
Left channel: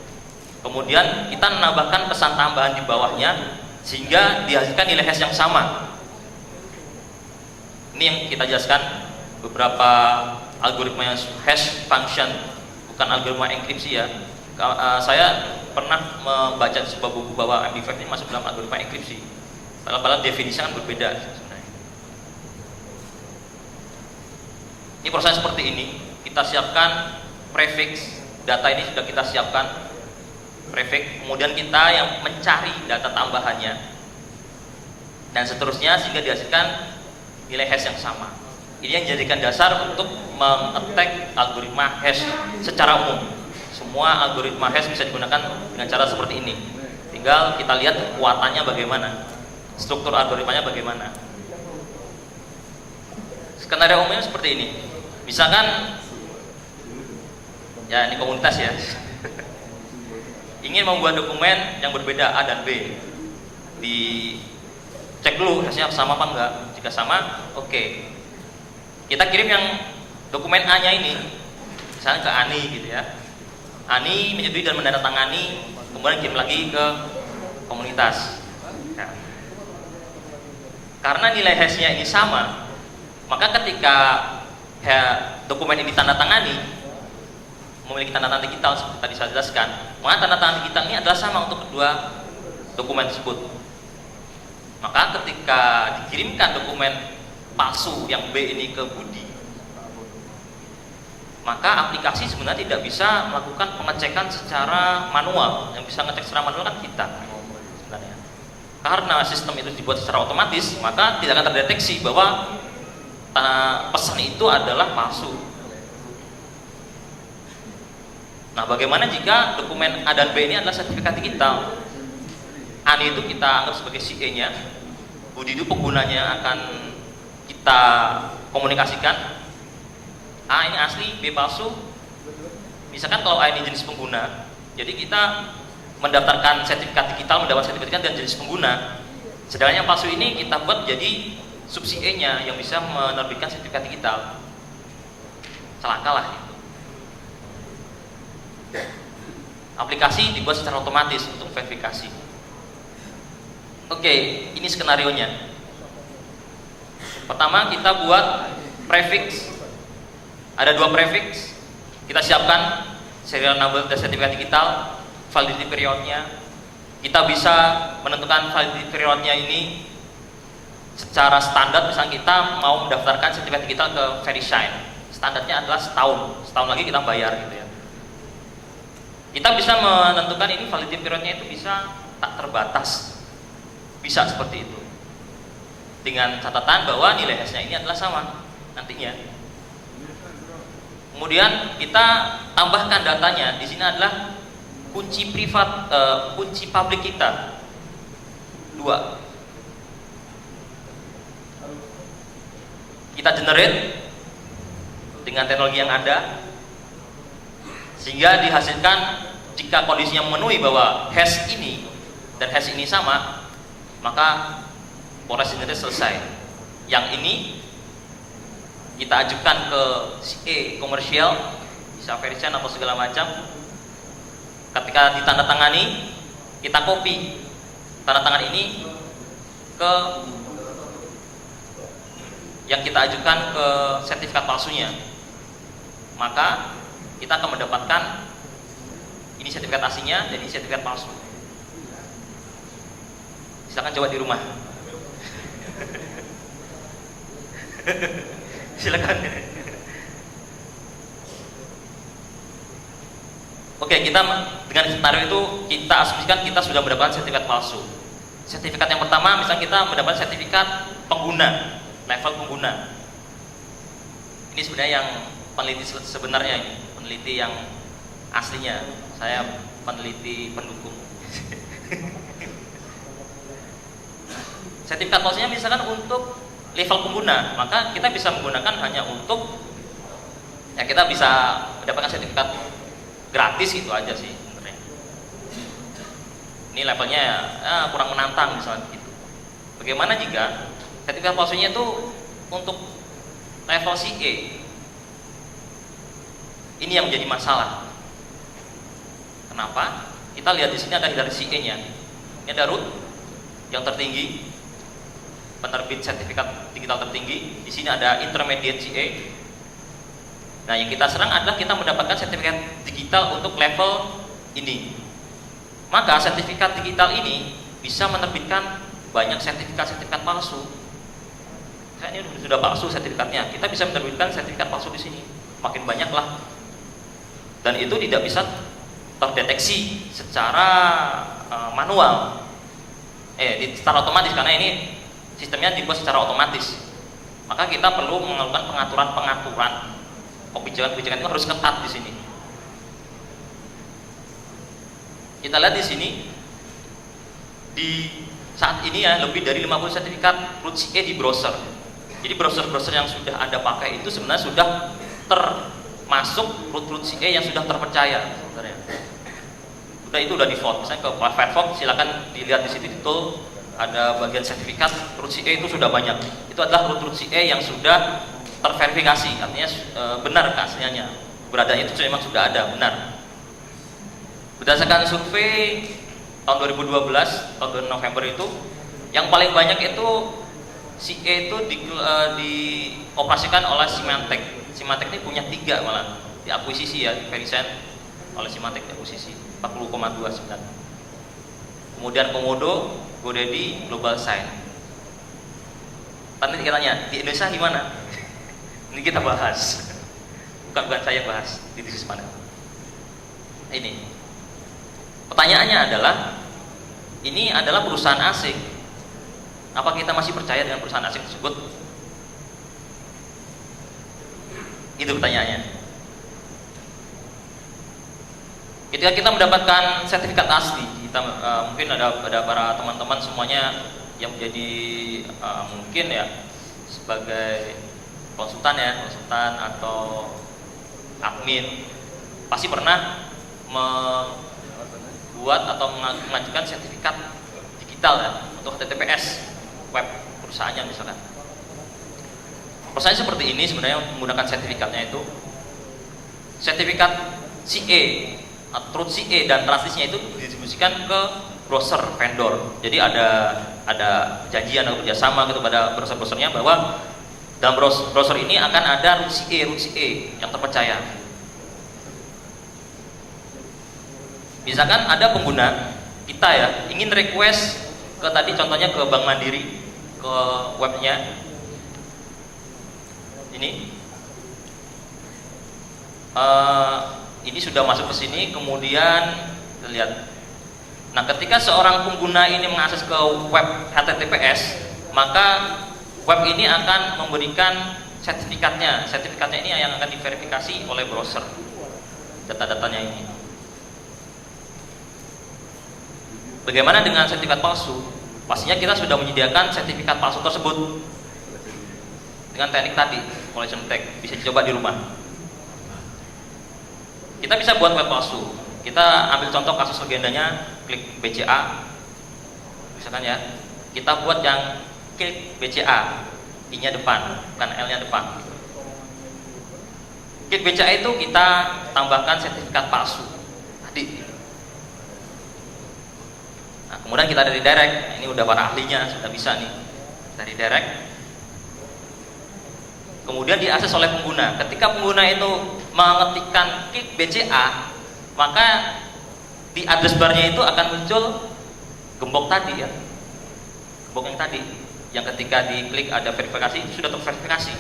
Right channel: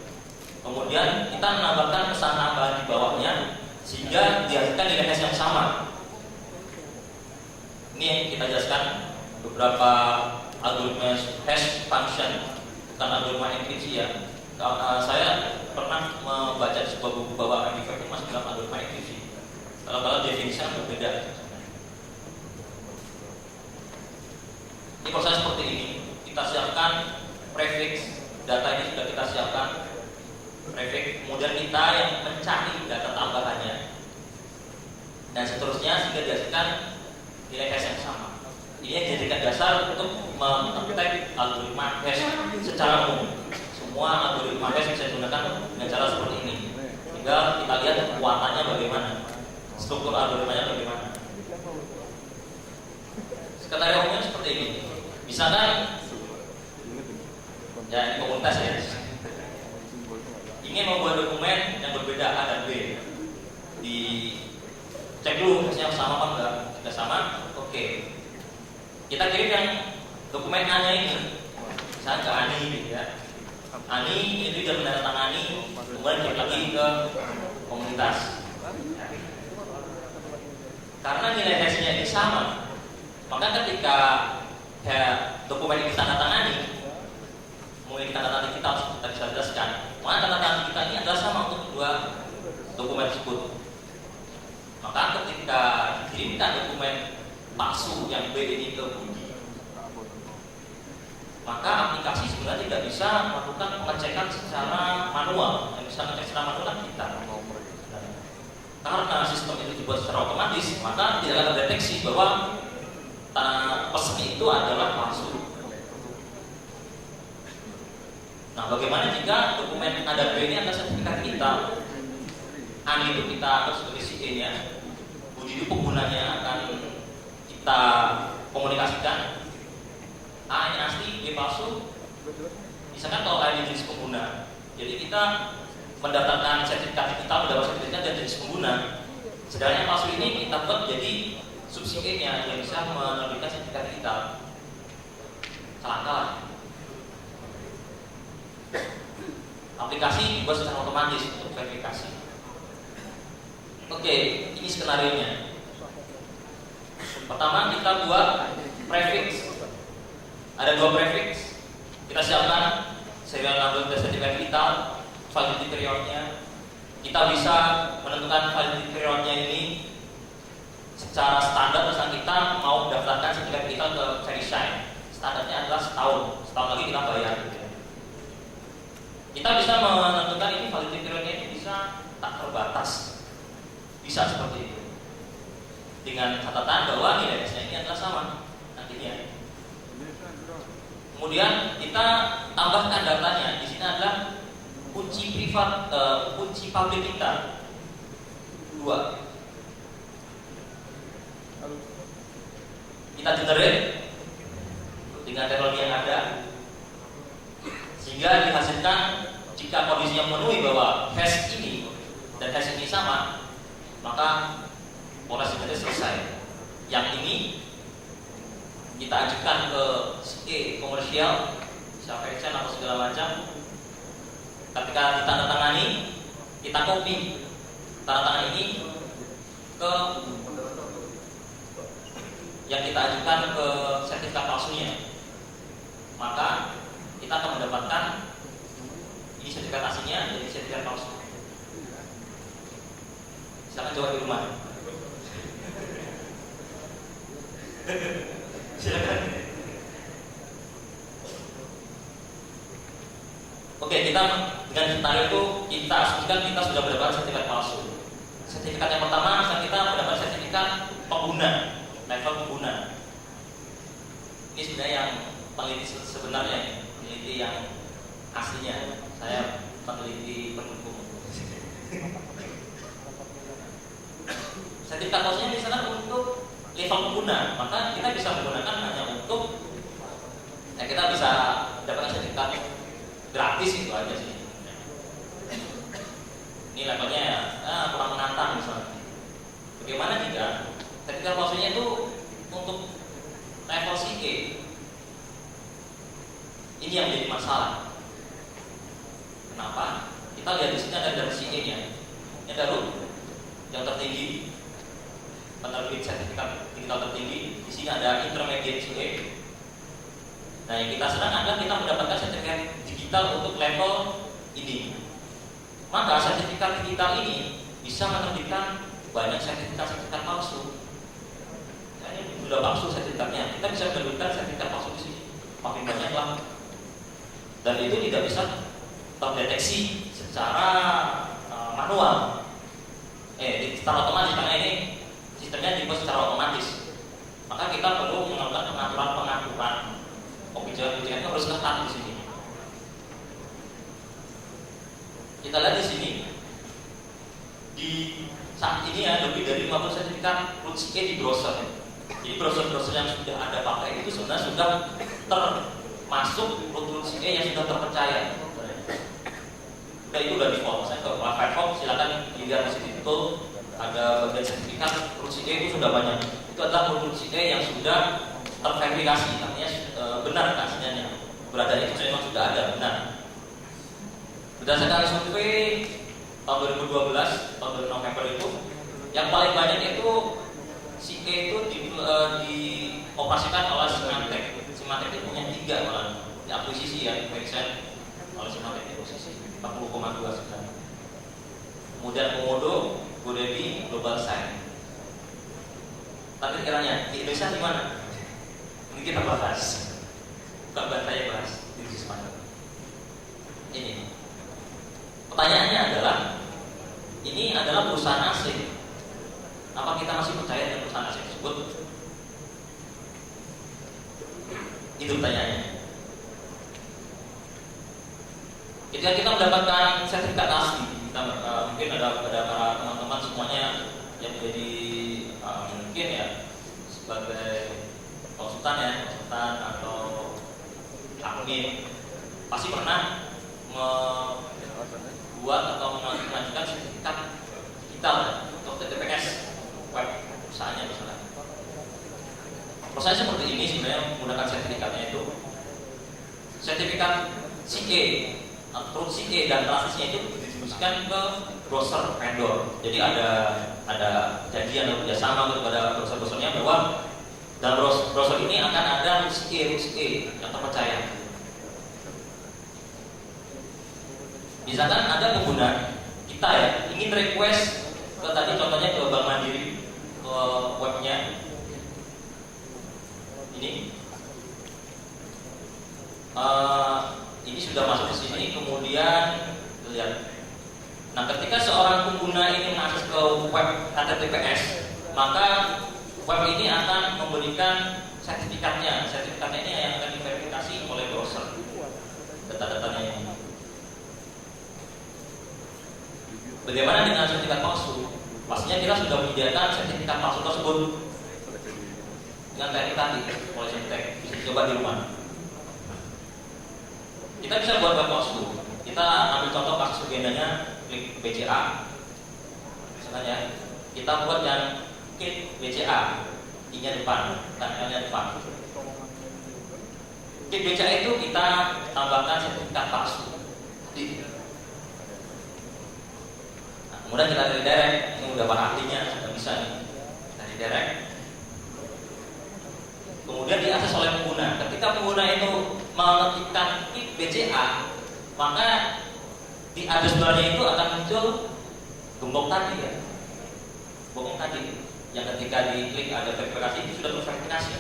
Kemudian kita menambahkan pesan tambahan di bawahnya sehingga dihasilkan nilai hash yang sama. Ini yang kita jelaskan beberapa algoritma hash function, bukan algoritma enkripsi ya. Saya pernah membaca sebuah buku bahwa MD5 ini masuk dalam algoritma enkripsi. Padahal definisinya kan berbeda. Ini proses seperti ini. Kita siapkan prefix, data ini sudah kita siapkan prefix, kemudian kita yang mencari data tambahannya dan seterusnya sehingga dihasilkan nilai hash yang sama. Ini yang dijadikan dasar untuk meng-attack algoritma hash secara umum. Semua algoritma hash bisa digunakan dengan cara seperti ini. Tinggal kita lihat kekuatannya bagaimana, struktur algoritmanya bagaimana. Skenario umumnya seperti ini. Misalkan ya ini komunitas ya ingin membuat dokumen yang berbeda A dan B, dicek dulu hasilnya sama apa enggak. Jika sama, oke. Kita kirim yang dokumen A nya ini misalnya ke Ani gitu ya. Ani menyetujui dan menandatangani, kemudian kirim lagi ke komunitas. Nah, karena nilai hashnya ini sama, maka ketika dokumen ini ditandatangani memiliki tanda tangan digital seperti tadi saya jelaskan, maka tanda tangan digital ini adalah sama untuk kedua dokumen tersebut. Maka ketika dikirimkan dokumen palsu yang B ini ke Budi, maka aplikasi sebenarnya tidak bisa melakukan pengecekan secara manual. Yang bisa ngecek secara manual kan kita sebenarnya. Karena sistem itu dibuat secara otomatis, maka tidak akan terdeteksi bahwa pesan itu adalah palsu. Nah, bagaimana jika dokumen A dan B ini adalah sertifikat digital? A itu kita anggap sebagai CA-nya, Budi itu penggunanya akan kita komunikasikan. A ini asli, B palsu. Misalkan kalau A ini jenis pengguna, jadi kita mendaftarkan sertifikat digital, mendapat sertifikat dan jenis pengguna. Sedangkan yang palsu ini kita buat jadi sub CA-nya yang bisa menerbitkan sertifikat digital. Celaka lah. Aplikasi dibuat secara otomatis untuk verifikasi. Oke, ini skenarionya. Pertama kita buat prefix. Ada 2 prefix. Kita siapkan serial number dan sertifikat digital, validity periodnya. Kita bisa menentukan validity periodnya ini secara standar. Misalnya kita mau mendaftarkan sertifikat digital ke VeriSign, standarnya adalah setahun. Setahun lagi kita bayar gitu ya. Kita bisa menentukan ini validity periodnya itu bisa tak terbatas. Bisa seperti itu. Dengan catatan bahwa nilai S-nya ini adalah sama nantinya. Kemudian kita tambahkan datanya. Di sini adalah kunci privat, kunci publik kita 2. Kita generate dengan teknologi yang ada, sehingga dihasilkan jika kondisinya memenuhi bahwa hash ini dan hash ini sama, maka proses ini selesai. Yang ini kita ajukan ke CA komersial, bisa VeriSign atau segala macam. Ketika ditandatangani, kita copy tanda tangan ini ke yang kita ajukan ke sertifikat palsunya, maka kita akan mendapatkan ini sertifikat aslinya jadi sertifikat palsu. Silakan coba di rumah. Silakan. Oke, kita dengan skenario itu kita asumsikan kita sudah mendapatkan sertifikat palsu. Sertifikat yang pertama, misalnya kita mendapat sertifikat pengguna, level pengguna. Ini sebenarnya yang peneliti sebenarnya, peneliti yang aslinya. Saya peneliti pendukung. Sertifikat palsunya misalkan untuk level pengguna, maka kita bisa menggunakan hanya untuk ya kita bisa mendapatkan sertifikat gratis gitu aja sih. Ini levelnya ya, kurang menantang misalnya gitu. Bagaimana jika sertifikat palsunya itu untuk level CA? Ini yang menjadi masalah. Kenapa? Kita lihat di sini ada dari CA-nya. Ini ada root yang tertinggi, penerbit sertifikat digital tertinggi. Di sini ada intermediate CA. Nah, yang kita serang adalah kita mendapatkan sertifikat digital untuk level ini. Maka sertifikat digital ini bisa menerbitkan banyak sertifikat palsu. Ini sudah palsu sertifikatnya. Kita bisa menerbitkan sertifikat palsu di sini. Makin banyak lah. Dan itu tidak bisa terdeteksi secara manual. Secara otomatis karena ini sistemnya dibuat secara otomatis. Maka kita perlu melakukan pengaturan. Kebijakan-kebijakan itu harus ketat di sini. Kita lihat di sini di saat ini ya lebih dari 50 sertifikat root CA di browser. Jadi browser-browser yang sudah Anda pakai itu sebenarnya sudah termasuk root CA yang sudah terpercaya. Sudah itu udah default. Misalnya ke Firefox silakan dilihat di sini itu ada bagian sertifikat root CA itu sudah banyak. Itu adalah root CA yang sudah terverifikasi, artinya benar aslinya. Beradanya itu memang sudah ada, benar. Berdasarkan survei tahun 2012, tahun November itu, yang paling banyak itu CA itu dioperasikan oleh Symantec. Symantec ini punya 3 malah diakuisisi ya, VeriSign oleh Symantec diakuisisi 40,2 sebenarnya. Kemudian Komodo, GoDaddy, GlobalSign. Nanti kita tanya di Indonesia gimana? Ini kita bahas. bukan saya bahas di tesis mana. Ini pertanyaannya adalah, ini adalah perusahaan asing. Apa kita masih percaya dengan perusahaan asing tersebut? Itu pertanyaannya. Ketika kita mendapatkan sertifikat asli, kita mungkin ada para teman-teman semuanya yang menjadi mungkin ya sebagai konsultan atau admin pasti pernah membuat atau mengajukan sertifikat digital kan, untuk TTPS web perusahaannya misalkan. Prosesnya seperti ini sebenarnya, menggunakan sertifikatnya itu sertifikat CA atau Truth CA dan transisinya itu didistribusikan ke browser vendor. Jadi ada janjian atau kerjasama gitu pada browser-browsernya bahwa dalam browser ini akan ada root CA yang terpercaya. Misalkan ada pengguna kita ya ingin request ke tadi contohnya ke Bank Mandiri, ke webnya ini sudah masuk ke sini, kemudian lihat. Nah, ketika seorang pengguna ini mengakses ke web HTTPS, maka web ini akan memberikan sertifikatnya. Sertifikatnya ini yang akan diverifikasi oleh browser. Data-datanya ini. Bagaimana dengan sertifikat palsu? Pastinya kita sudah menyediakan sertifikat palsu tersebut dengan teknik tadi, collision tag, bisa dicoba di rumah. Kita bisa buat web palsu. Kita ambil contoh kasus legendanya klik BCA, misalkan ya. Kita buat yang klik BCA, I-nya depan, bukan L-nya depan. Klik BCA itu kita tambahkan sertifikat palsu tadi. Nah, kemudian kita dari direct, ini udah para ahlinya sudah bisa nih dari direct. Kemudian diakses oleh pengguna. Ketika pengguna itu mengetikkan klik BCA, maka di address barnya itu akan muncul gembok tadi ya, gembok yang tadi, yang ketika diklik ada verifikasi itu sudah terverifikasi.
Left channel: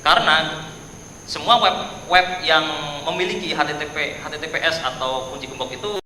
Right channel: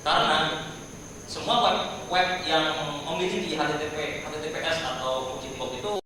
Karena semua web yang memiliki HTTPS atau kunci gembok itu